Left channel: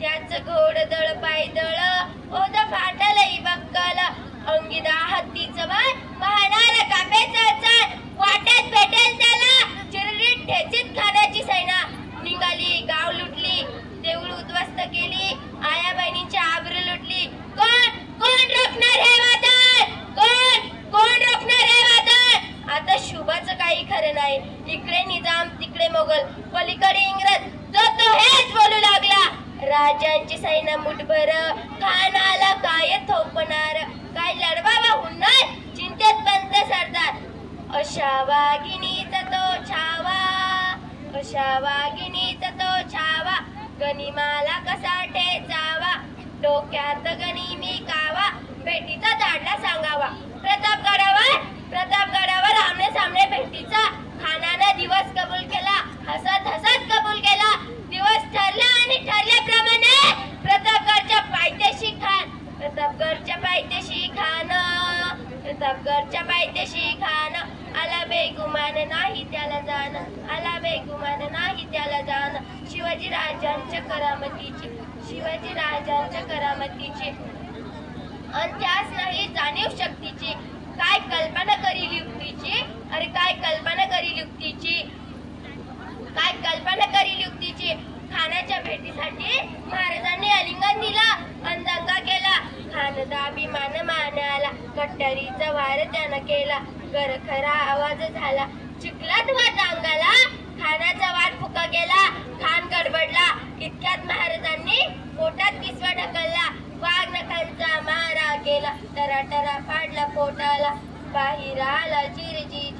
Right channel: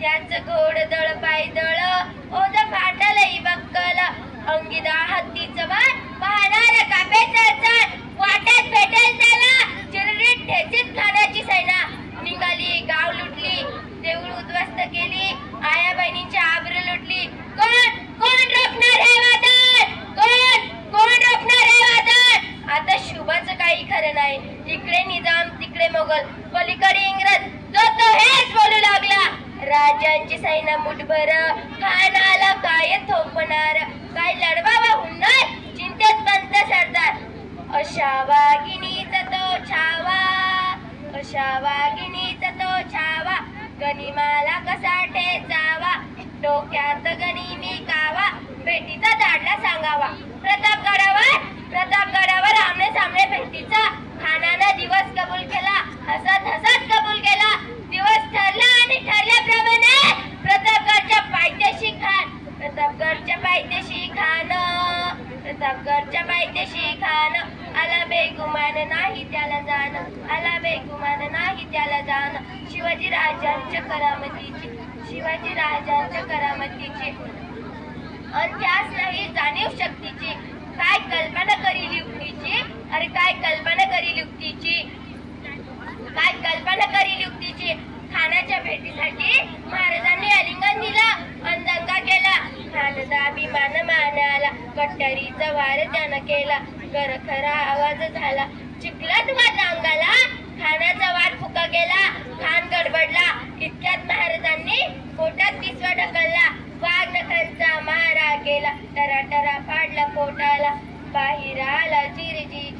त्याच घोडदळ पायदळ ओद फाटलई बक्कल अंगिदा हत्तीचं बाण पाहणार कापेचं चाल वाटेत भेटेल त्याला चिररीत ठेचीत खाण्याची सैना निघाली गाव लुटली देऊळ उद्ध्वस्त केली आया बहिणींची आबरू लुटली कोण कोण रोखणार हे वादळ कोण रोखणार हे वादळ आता शुभाचं काही खरं नाही इकडे निजाम तिकडे मोगल पलीकडे इंग्रज जो तो हेच बोलू लागला राजांची सैना मुठभर खानाला काय थोपणार काय लढवावा हुंडा चिंतेत पंत सरदार अशा वाघिणीचा तो छावा गनिमाला कसा ठेचावा डोक्यात गनिमी कावा भेटीचा धाडला सांगावा प्रतापगडावर आमने सामने भेटीचा खानानं दिवस कबूल केला हसत कबूल केला दिवस ठरला आणि ठरल्याप्रमाणे प्रतापगडच्या पायथ्याशी खान आला बेगुमान नाही त्याला जाण शिवाजी राजांच्या करामतीची आणि त्याच नाही जाणीव शक्तीची काय कल्पना करील युक्तीची खानाच्या भेटीसाठी महाराजांनी आलिंगन दिला आणि दंगा केला खानचा अभिमान मानाला कट्टरीचा वार त्यानं केला गरखरा आवाज झाला चिखलात वाज अंगाला खानाचा वाट फुका गेला खान गडबडला इतक्यात महाराजांनी पोटात पिसवा ढकलला वाघ नखांचा मारा केला टराटरा फाडला पोटाला बाहेर आला चिरजीजी